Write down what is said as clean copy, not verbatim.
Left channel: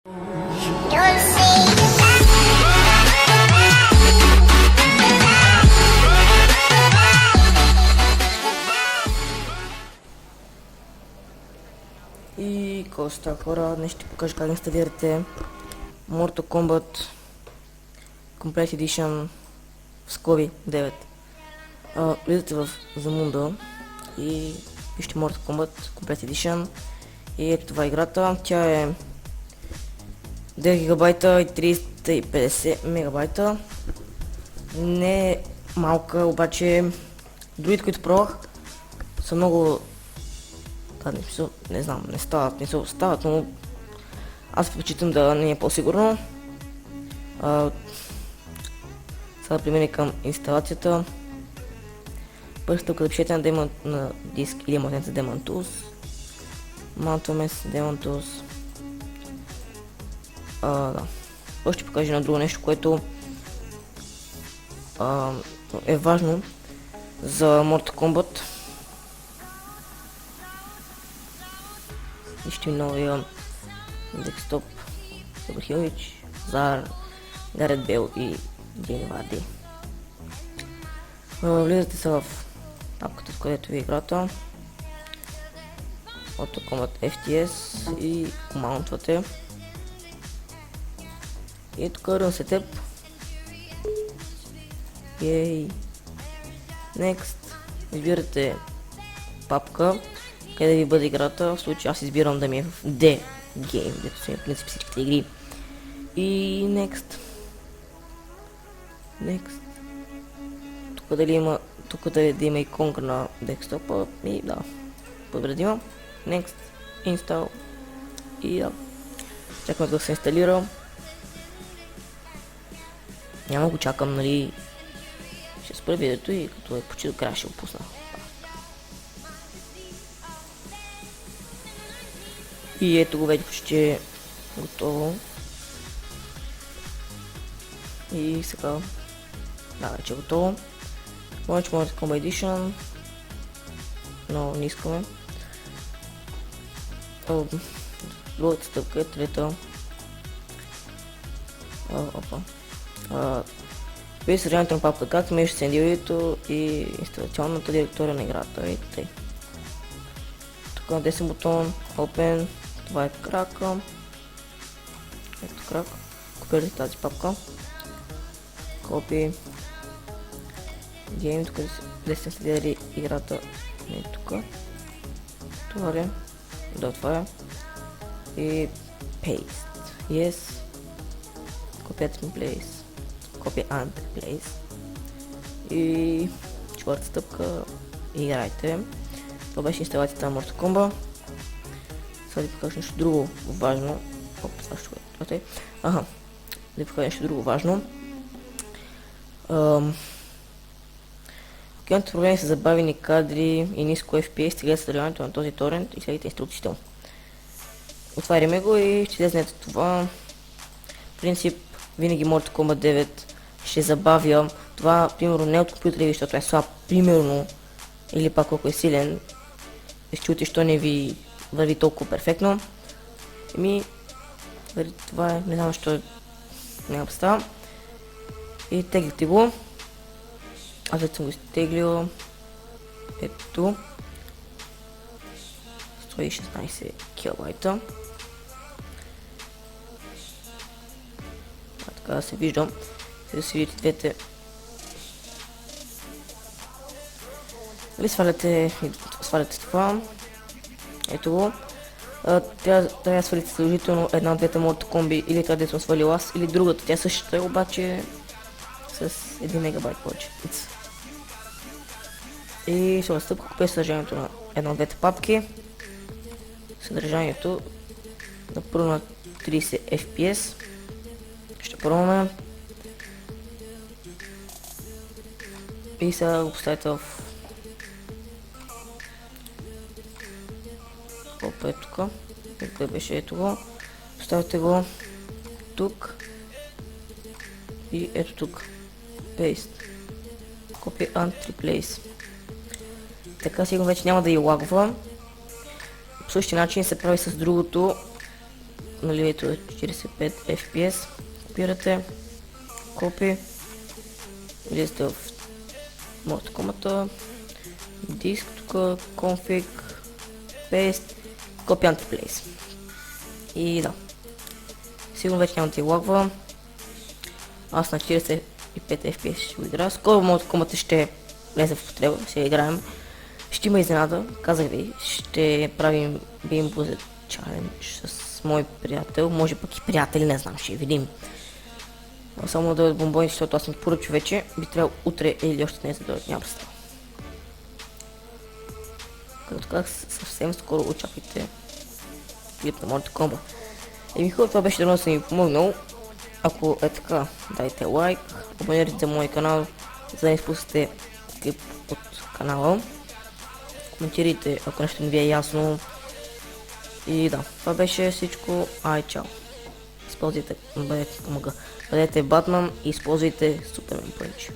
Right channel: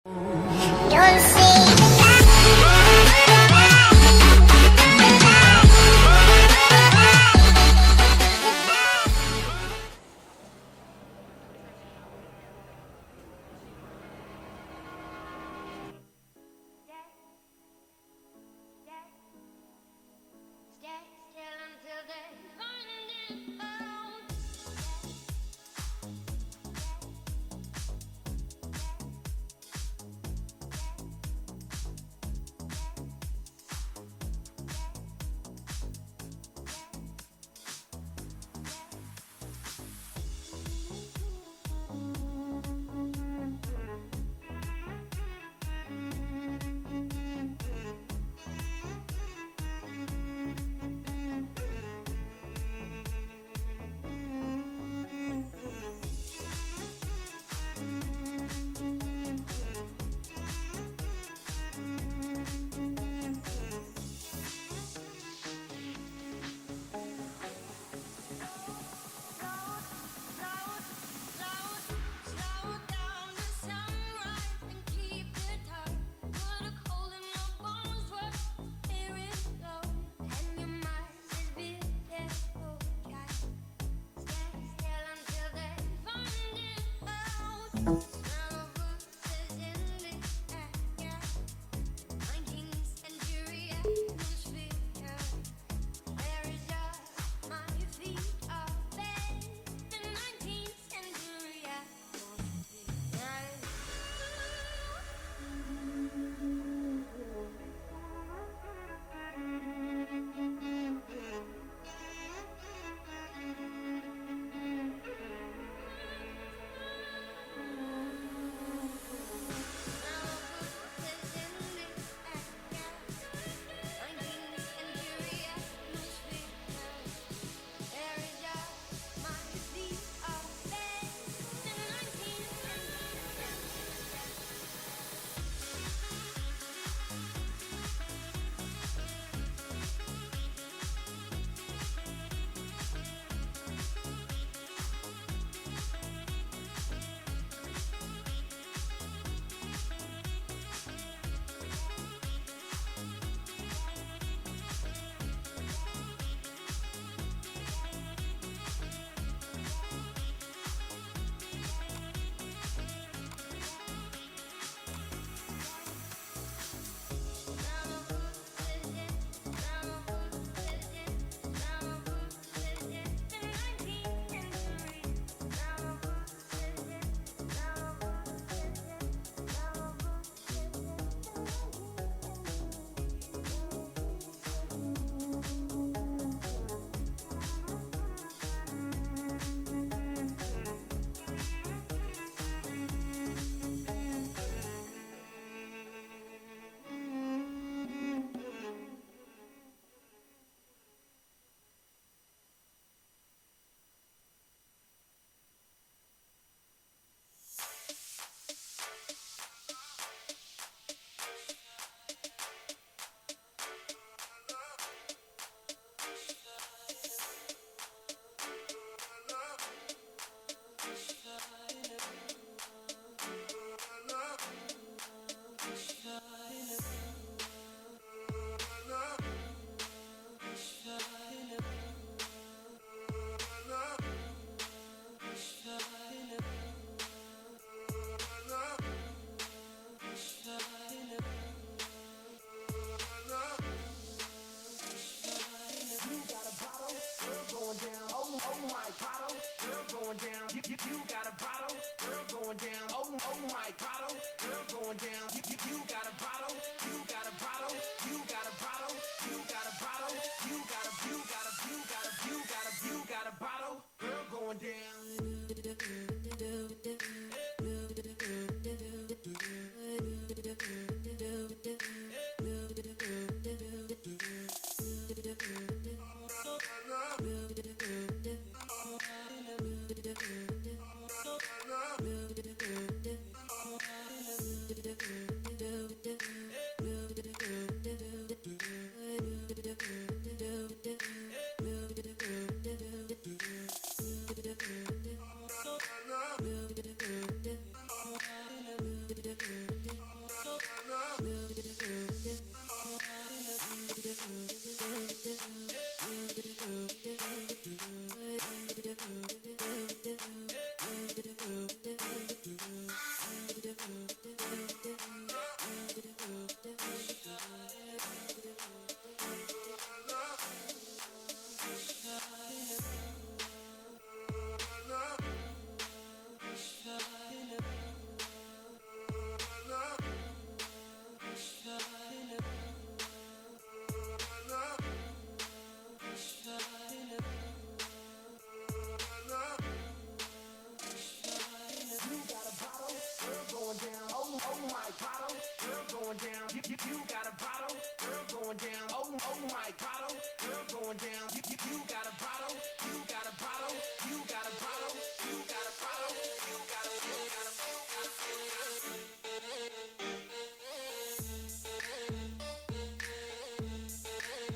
И коста хора, днес ще покажа как инсталирате Mortal Kombat Complete Edition в скоби 9. Влизате в Zamunda и вижте Mortal Kombat Complete Edition и ето това е играта. Тя е 9 гигабайта и 350 мегабайта. Не е малка, обаче другите, които пробвах, са много... не знам, не се остават, но аз предпочитам да не е по-сигурно. Сега да преминем към инсталацията. Първо стъпка да пишете на диск или магнит за Demon Tools. Маунтваме с Demon Tools. Да. Първо ще покажа на друго нещо, което е важно за Mortal Kombat. Вижте новия десктоп Хилич, Зар, Гарет Бел и Джейн Варди. Влизате се в папката, в където ви е играта, Mortal Kombat FTS и маунтвате. И тук Run Setup. Next. Избирате папка, къде ви бъде играта. В случай аз избирам да ми е в D Game, дето са в принцип всичките игри. И Next. Тук дали да има иконка на десктопа и да, подредима. Next, Install и да, чакаме да се инсталира. Няма го чакам, нали, ще спра видеото и като е почти до края ще го пусна. И ето го вече почти е готово. И сега, да, вече е готово. Launch Mortal Kombat Edition. Много не искаме. Другата стъпка е трета. Вие съдържанието на папка, както между сценарийто и инсталационната директория на играта. Ето тъй. Тук на десен бутон, Open, това е крака. Ето крак. Копирате тази папка. Copy. Game, тук да сте следили играта. Ето тук. Това е. Да, това е. И Paste. Yes. Copy and Place. Copy and Place. И четвърта стъпка. Играйте. Това беше инсталацията на Mortal Kombat. Сега да покажа нещо друго важно. Да покажа нещо друго важно. Ако имате проблеми с забавени кадри и ниско FPS, стигате съдържанието на този торент и следите инструкциите му. Отваряме го и ще излезнете това. В принцип, винаги Mortal Kombat 9 ще забавя. Това, примерно, не от компютъра ви, защото е слаб, примерно, или пак колко е силен. Ще чуете, що не ви върви толкова перфектно. Това е, не знам, що няма представа. И теглите го. Аз вече съм го изтеглил. Ето. 116 килобайта. Така да се виждам. Да си видите двете. Дали сваляте това. Ето го. Трябва да свалите сложително една от двете Mortal Kombat, или къде съм свалил аз, или другата. Тя същата е, обаче с 1 мегабайт повече. И ще настъпка купя съдържанието на една от двете папки. Съдържанието на първо на 30 FPS. Ще пробваме. И сега го поставите в колко е тук. Кой беше ето го. Поставите го тук. И ето тук. Paste. Copy and Replace. Така сигурно вече няма да и лагва. По същия начин се прави с другото. наливането е 45 FPS, копирате, копи, влизате в Mortal Kombat, диск тук, config, paste, copy and place. И да, сигурно вече няма да ти лагва. Аз на 45 FPS ще го играя. Скоро Mortal Kombat ще влезе в употреба, ще играем. Ще има изненада, казах ви, ще правим Beam Buzzet Challenge с мой приятел, може пък и приятели, не знам, ще видим. Само да дойдат бомбони, защото аз съм поръчал вече, би трябвало утре или още днес да дойдат, няма представа. Като казах, съвсем скоро очаквайте клип на Mortal Kombat. Еми хубаво, това беше да съм ви помогнал. Ако е така, дайте лайк, абонирайте мой канал, за да не изпускате клип от канала. Коментирайте, ако нещо не ви е ясно. И да, това беше всичко. Ай, чао. Използвайте, бъдете Батман и използвайте Супермен Пънч.